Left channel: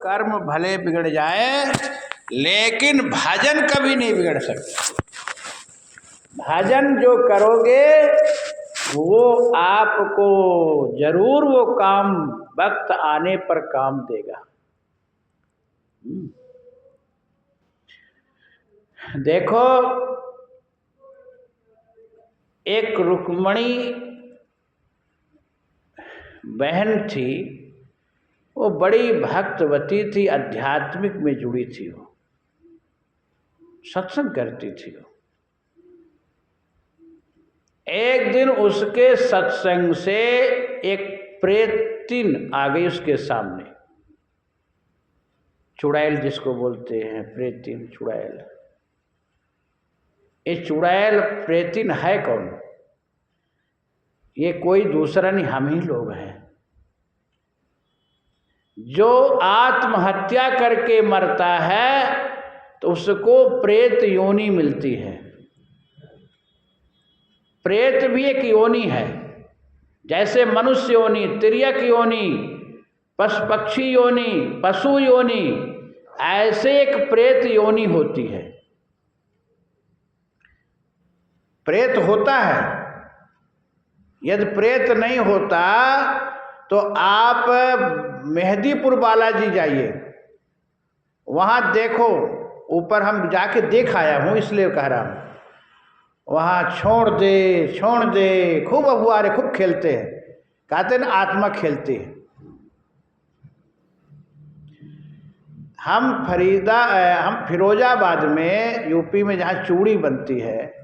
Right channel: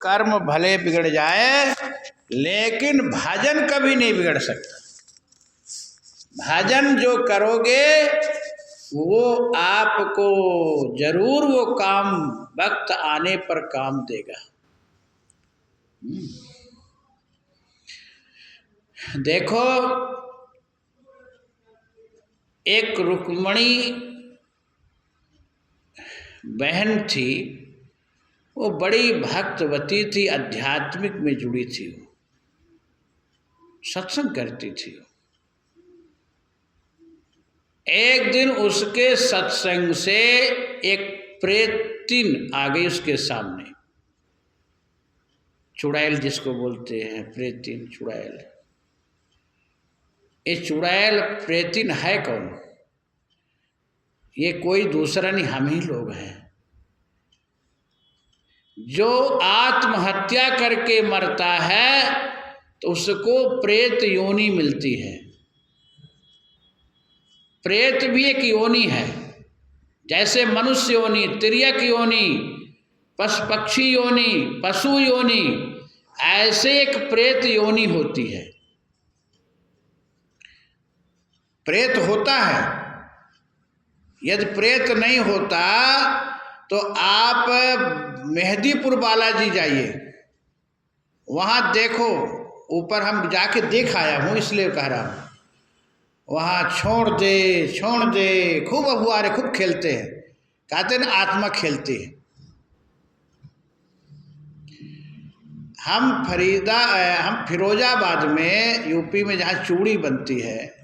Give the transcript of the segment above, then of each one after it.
कर्म भले बिगड़ जाए लेकिन भजन कभी नहीं बिगड़ सकता। भजन जो करोगे वो आपको जरूर वो काम वक्त आने पर काम देगा। देखो, एक रुक्मणी बहन थी, वो बड़ी भक्तवती थी, आध्यात्मिक में जुड़ी थी, वो सत्संग करती थी। एक दिन उसके सत्संग से एक प्रेतिन आ गई उसके सामने, चुड़ैल जिसको बोलते हैं, प्रेतिन चुड़ैल। ये चुड़ैल प्रेतिन है कौन? ये कोई दूसरा नहीं, हम ही लोग हैं। जो आत्महत्या करके मरता है तो उसको प्रेत योनि मिलती है। प्रेत भी एक योनि है, जैसे मनुष्य योनि, तिर्यक योनि, पक्षी योनि, पशु योनि, ऐसे एक प्रेत योनि होती है। प्रेत होता है। यदि प्रेत नहीं होता तो आप मेहदीपुर बालाजी जाइए, वहाँ देखो, ऊपर हम जाके देख आया हूँ इसलिए कह रहा हूँ। वहाँ छोड़ दे खूब अहुआरे खूब खेलते हैं, कहते हैं आत्मा खेलती है। हम फिरोजाबाद में, यूपी में, जहाँ चूड़ी बनती है,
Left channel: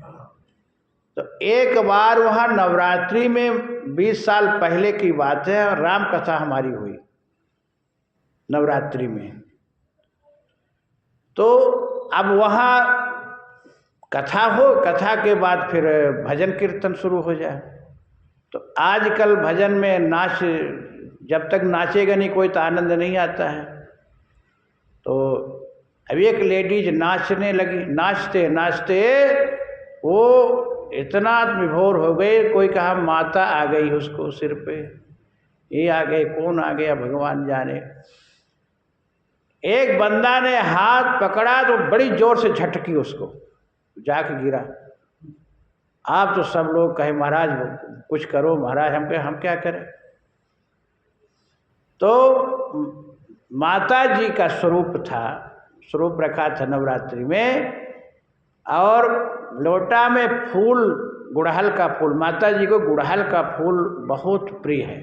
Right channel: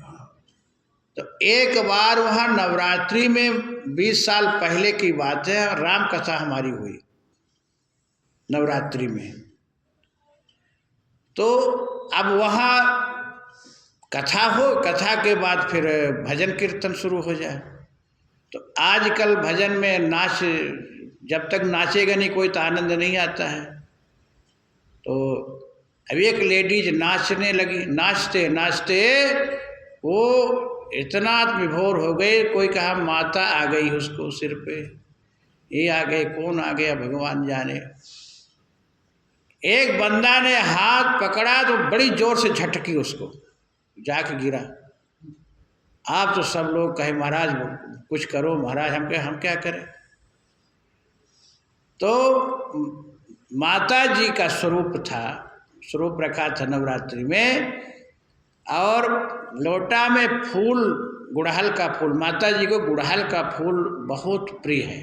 तो एक बार वहाँ नवरात्रि में 20 साल पहले की बात है, राम कथा हमारी हुई नवरात्रि में। तो अब वहाँ कथा हो, कथा के बाद फिर भजन कीर्तन शुरू हो जाए। तो आजकल भजन में नाच, जब तक नाचेगा नहीं कोई तो आनंद नहीं आता है। तो अब एक लेडीज नाचने लगी, नाचते नाचते वो इतना विभोर हो गए, कोई कहा माता आ गई उसको सिर पे, ये आ गए, कौन आ गया भगवान जाने। एक बंदा ने हाथ पकड़ा तो बड़ी जोर से झटकी उसको, जाके गिरा। आप तो सब लोग कहे महाराज कुछ करो, महाराज हम क्या करें। तो माता जी का स्वरूप रखा था नवरात्रि में, और लोटा में फूल, गुड़हल का फूल, माता जी को गुड़हल का फूल बहुत प्रिय है,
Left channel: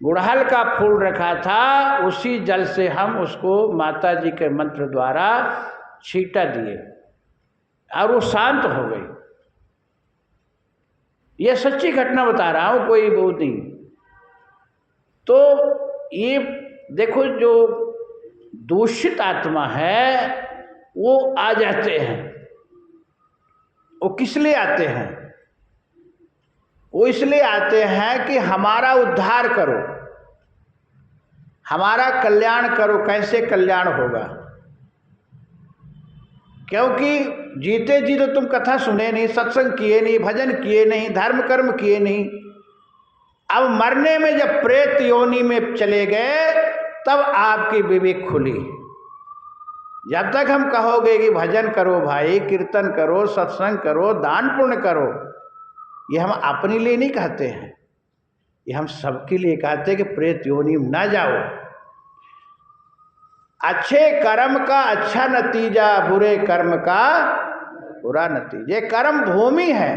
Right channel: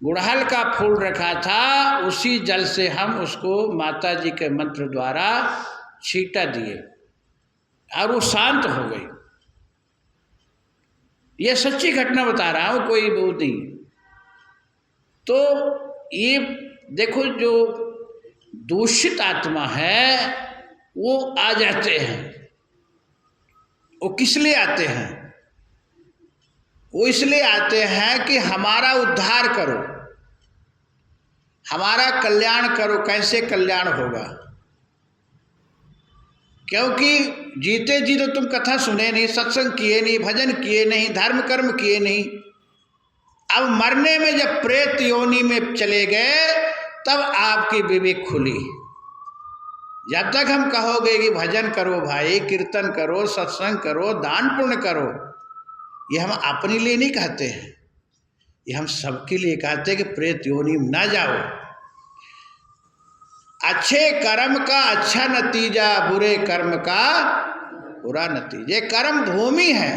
गुड़हल का फूल रखा था। उसी जल से हम उसको माता जी के मंत्र द्वारा छींटा दिए और वो शांत हो गई। ये सच्ची घटना बता रहा हूँ, कोई वो नहीं। तो ये देखो, जो दूषित आत्मा है वो आ जाते हैं। वो किस लिए आते हैं? वो इसलिए आते हैं कि हमारा उद्धार करो, हमारा कल्याण करो। कैसे कल्याण होगा? क्योंकि जीते जी तो तुम कथा सुने नहीं, सत्संग किए नहीं, भजन किए नहीं, धर्म कर्म किए नहीं। अब मरने में जब प्रेत योनि में चले गए तब आपकी विवेक खुली। जब तक हम कहोगे कि भजन करो भाई, कीर्तन करो, सत्संग करो, दान पुण्य करो, ये हम अपने लिए नहीं कहते हैं, ये हम सबके लिए कहते हैं कि प्रेत योनि में ना जाओ। अच्छे कर्म का अच्छा नतीजा, बुरे कर्म का बुरा नतीजा। ये कर्म भूमि है,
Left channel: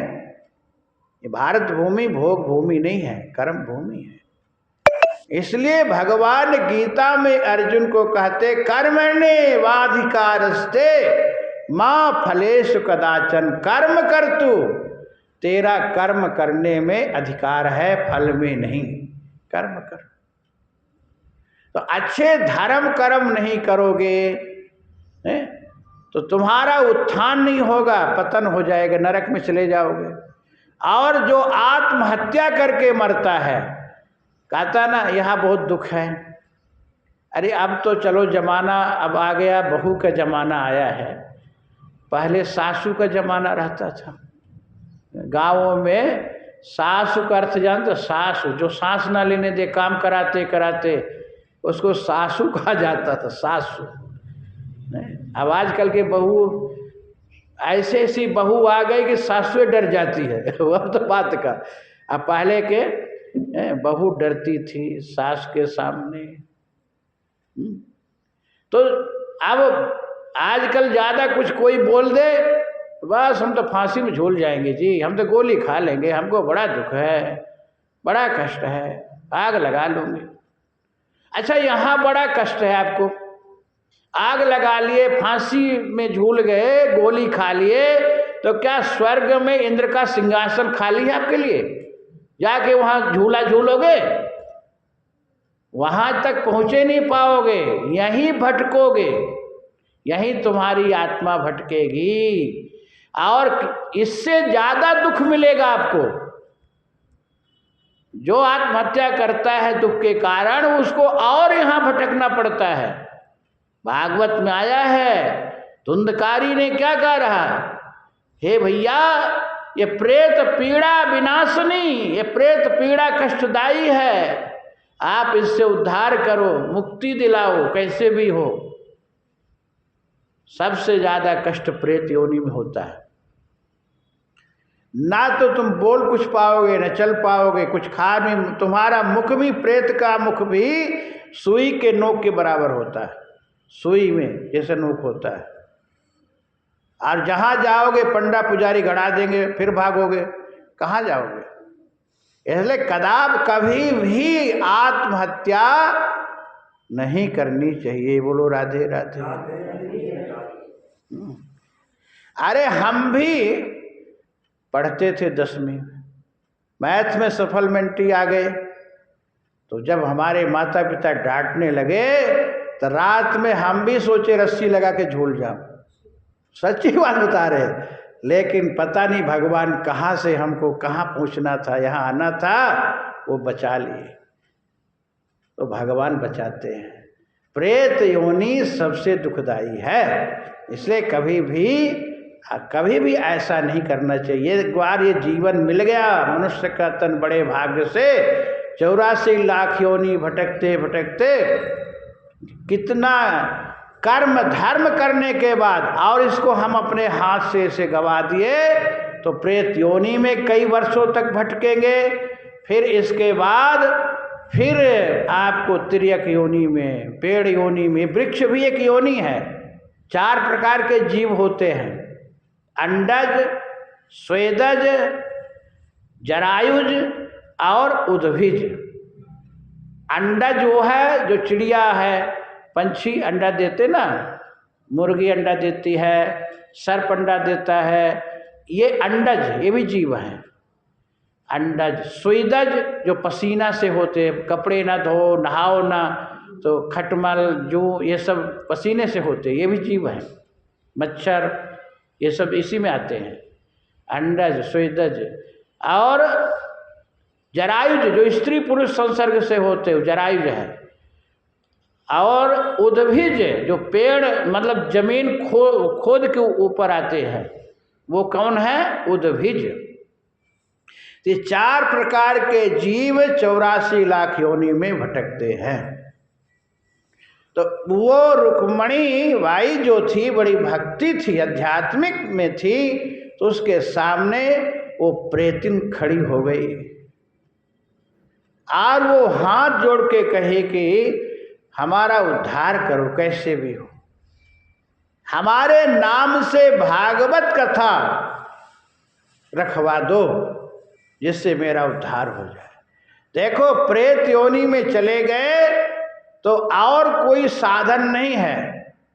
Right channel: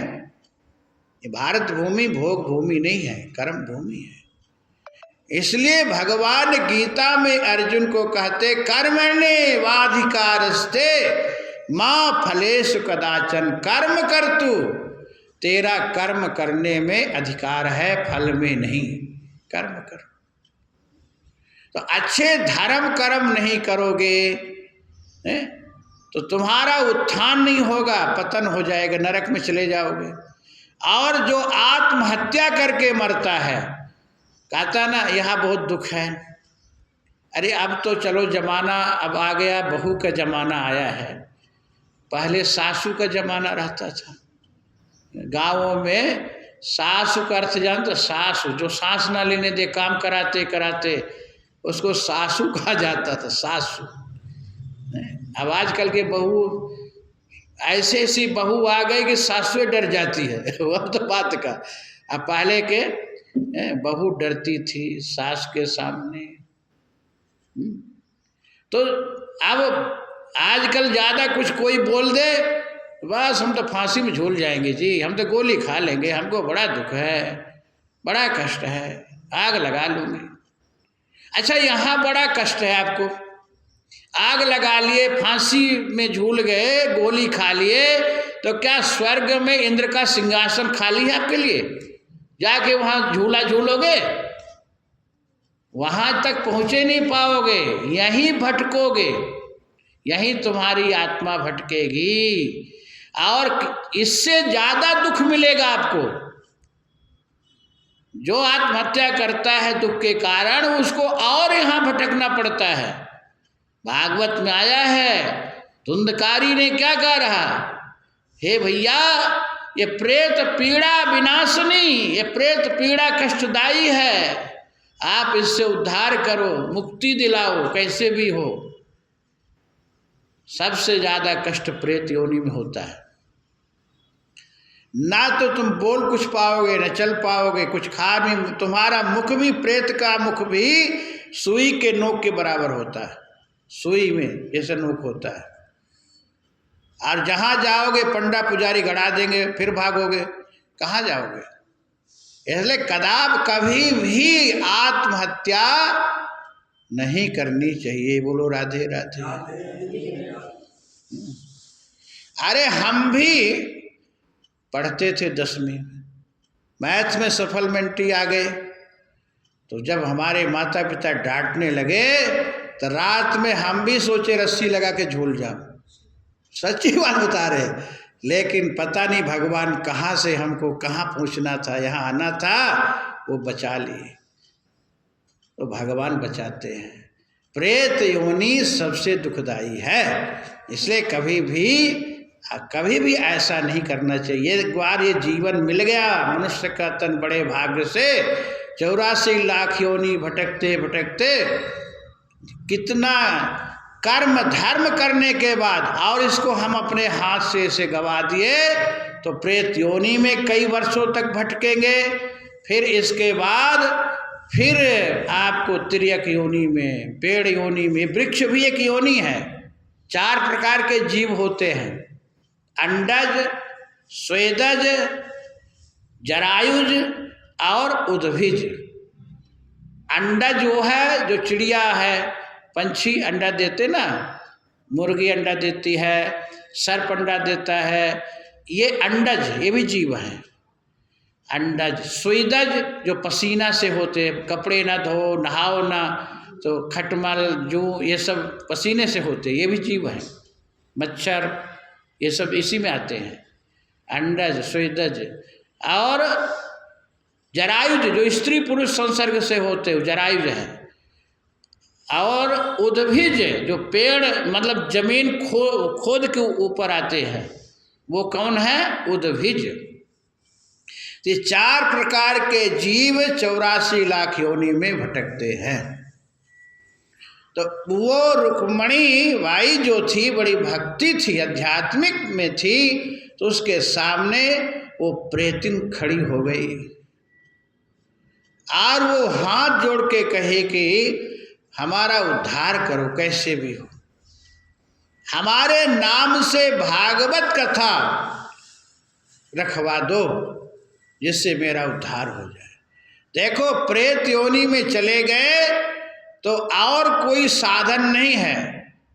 ये भारत भूमि भोग भूमि नहीं है, कर्म भूमि है। इसलिए भगवान गीता में अर्जुन को कहते, कर्मण्ये वाधिकारस्ते मां फलेषु कदाचन, कर्म कर तू, तेरा कर्म करने में अधिकार है, फल में नहीं। कर्म कर। तो अच्छे धर्म कर्म नहीं करोगे तो तुम्हारा उत्थान नहीं होगा, पतन हो जाएगा, नरक में चले जाओगे। और जो आत्महत्या करके मरता है, कहता ना यहाँ बहुत दुख है। अरे अब तो चलो जमाना अब आ गया, बहू का जमाना आया है, पहले सासू का जमाना रहता था। गाँवों में सासू का अर्थ जानते? सासू जो सांस ना लेने दे, काम कराते कराते उसको सासू कहा जाता था, सासू। अब आजकल के बहू ऐसे ऐसी बहू आ गई कि सासुएं डर जाती है। वह तो बात का, अब पहले के बहू डरती थी सास के सामने। तो अब आजकल ज़्यादा कुछ कोई बोल दे, बस हम तो फांसी में झूल जाएंगे जी, हम तो गोली खा लेंगे, हमको बड़ा दुख है, बड़ा कष्ट है, आग लगा लूँगी। अच्छा, यहाँ बड़ा कष्ट है आपको, आग लगा लिए, फांसी में झूल गए, गोली खा लिए, तो क्या स्वर्ग में इंद्र का सिंहासन खाली है आपके लिए? जाके वहाँ झूला झूलोगे? वहाँ तक पहुँचे नहीं पाओगे, यहीं भटकोगे, यहीं तुम्हारी आत्मा भटकेगी, और इससे ज़्यादा दुख मिलेगा आपको। जो आत्महत्या करता है दुख के कारण, उसको और यहाँ भटकना पड़ता है। भागवत में आया है, धुंधकारी ने क्या कह रहा, हे भैया ये प्रेत पीड़ा विनाशनी, ये प्रेत पीड़ा कष्टदायी है, आप इससे उद्धार करो, मुक्ति दिलाओ, कैसे भी हो। सबसे ज़्यादा कष्ट प्रेत योनि में होता है। ना तो तुम बोल कुछ पाओगे, न चल पाओगे, कुछ खा भी, तुम्हारा मुख भी, प्रेत का मुख भी सुई के नोक के बराबर होता है, सुई में जैसे नोक होता है। और जहाँ जाओगे पंडा पुजारी गड़ा देंगे, फिर भागोगे, कहाँ जाओगे? इसलिए कभी भी आत्महत्या नहीं करनी चाहिए। बोलो राधे राधे। अरे हम भी पढ़ते थे 10वीं में, मैथ में सप्लीमेंट्री आ गए, तो जब हमारे माता पिता डांटने लगे तो रात में हम भी सोचे रस्सी लगा के झूल जाऊं। सच्ची बात बता रहे, लेकिन पता नहीं भगवान कहाँ से हमको कहाँ पहुँचना था, यहाँ आना था, वो बचा लिए। तो भगवान बचाते हैं। प्रेत योनि सबसे दुखदाई है, इसलिए कभी भी ऐसा नहीं करना चाहिए। एक बार ये जीवन मिल गया, मनुष्य का तन बड़े भाग्य से 84 लाख योनि भटकते भटकते, कितना कर्म धर्म करने के बाद, और इसको हम अपने हाथ से इसे गवा दिए, तो प्रेत योनि में कई वर्षों तक भटकेंगे। फिर इसके बाद फिर आपको तिर्यक योनि में, पेड़ योनि में, वृक्ष भी एक योनि है। 4 प्रकार के जीव होते हैं, अंडज, स्वेदज, जरायुज और उद्भिज। अंडज वो है जो चिड़िया है, पंछी अंडा देते ना, मुर्गी अंडा देती है, सर्प अंडा देता है, ये अंडज, ये भी जीव हैं। अंडज। स्वेदज जो पसीना से होते, कपड़े ना धो, नहाओ ना, तो खटमल जो ये सब पसीने से होते, ये भी जीव हैं। मच्छर ये सब इसी में आते हैं, अंडज, स्वेदज। और जरायुज जो स्त्री पुरुष संसर्ग से होते, जरायुज है। और उद्भिज जो पेड़ मतलब जमीन खोद के ऊपर आते हैं, वो कौन है? उद्भिज। ये 4 प्रकार के जीव 84 लाख योनि में भटकते हैं। तो वो रुक्मणी बाई जो थी, बड़ी भक्ति थी, आध्यात्मिक में थी, तो उसके सामने वो प्रेतिन खड़ी हो गई और वो हाथ जोड़ के कहे कि हमारा उद्धार करो, कैसे भी हो, हमारे नाम से भागवत कथा रखवा दो, जिससे मेरा उद्धार हो जाए। देखो, प्रेत योनि में चले गए तो और कोई साधन नहीं है,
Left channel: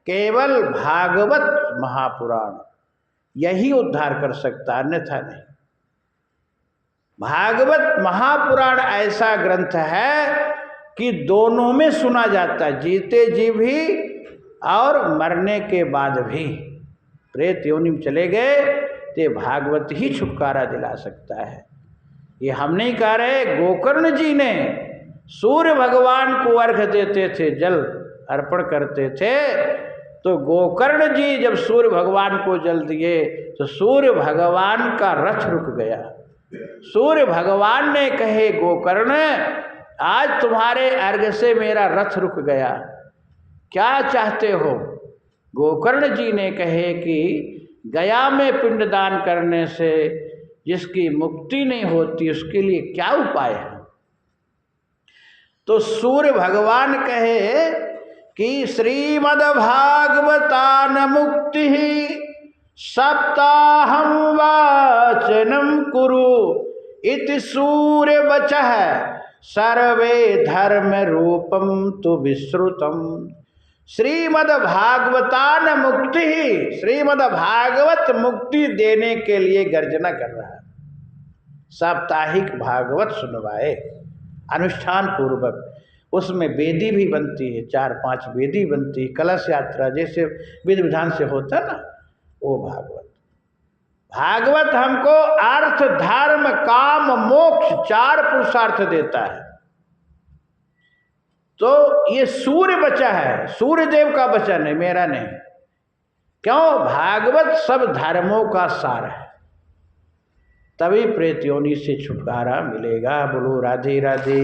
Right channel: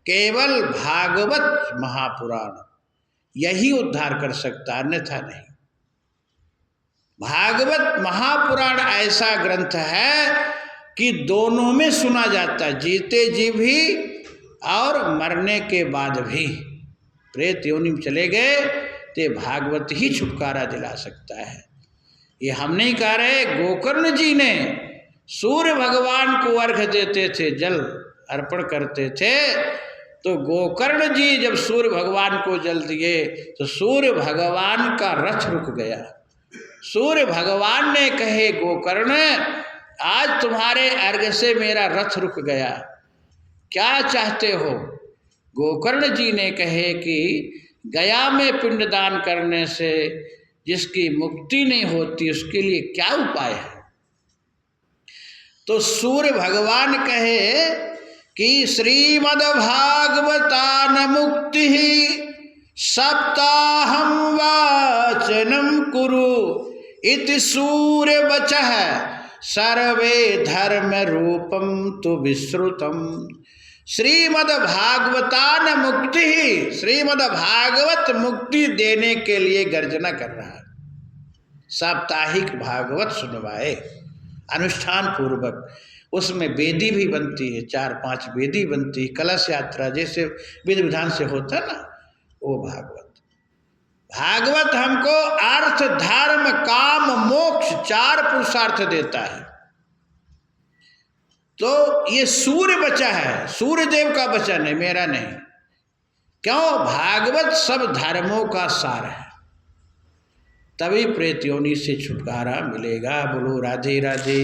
केवल भागवत महापुराण यही उद्धार कर सकता, अन्यथा नहीं। भागवत महापुराण ऐसा ग्रंथ है कि दोनों में सुना जाता, जीते जी भी और मरने के बाद भी। प्रेत योनि में चले गए तो भागवत ही छुटकारा दिला सकता है। ये हम नहीं कह रहे, गोकर्ण जी ने सूर्य भगवान को अर्घ्य देते थे, जल अर्पण करते थे, तो गोकर्ण जी जब सूर्य भगवान को जल दिए तो सूर्य भगवान का रथ रुक गया। सूर्य भगवान ने कहे, गोकर्ण आज तुम्हारे अर्घ से मेरा रथ रुक गया, क्या चाहते हो? गोकर्ण जी ने कहे कि गया में पिंडदान करने से जिसकी मुक्ति नहीं होती उसके लिए क्या उपाय है? तो सूर्य भगवान कहे कि श्रीमद्भागवतान मुक्ति सप्ताहं वाचनम कुरु इति सूर्य वचः सर्वे धर्म रूपम तु विश्रुतम। श्रीमद्भागवतान मुक्ति ही, श्रीमद्भागवत मुक्ति देने के लिए गर्जना कर रहा है। साप्ताहिक भागवत सुनवाए अनुष्ठान पूर्वक, उसमें वेदी भी बनती है, 4-5 वेदी बनती है, कलश यात्रा जैसे विधि विधान से होता ना, वो भागवत। भागवत हमको अर्थ धर्म काम मोक्ष 4 पुरुषार्थ देता है। तो ये सूर्य बचा है, सूर्य देव का वचन है, मेरा नहीं। क्यों? भागवत सब धर्मों का सार है, तभी प्रेत योनि से छुटकारा मिलेगा। बोलो राधे राधे।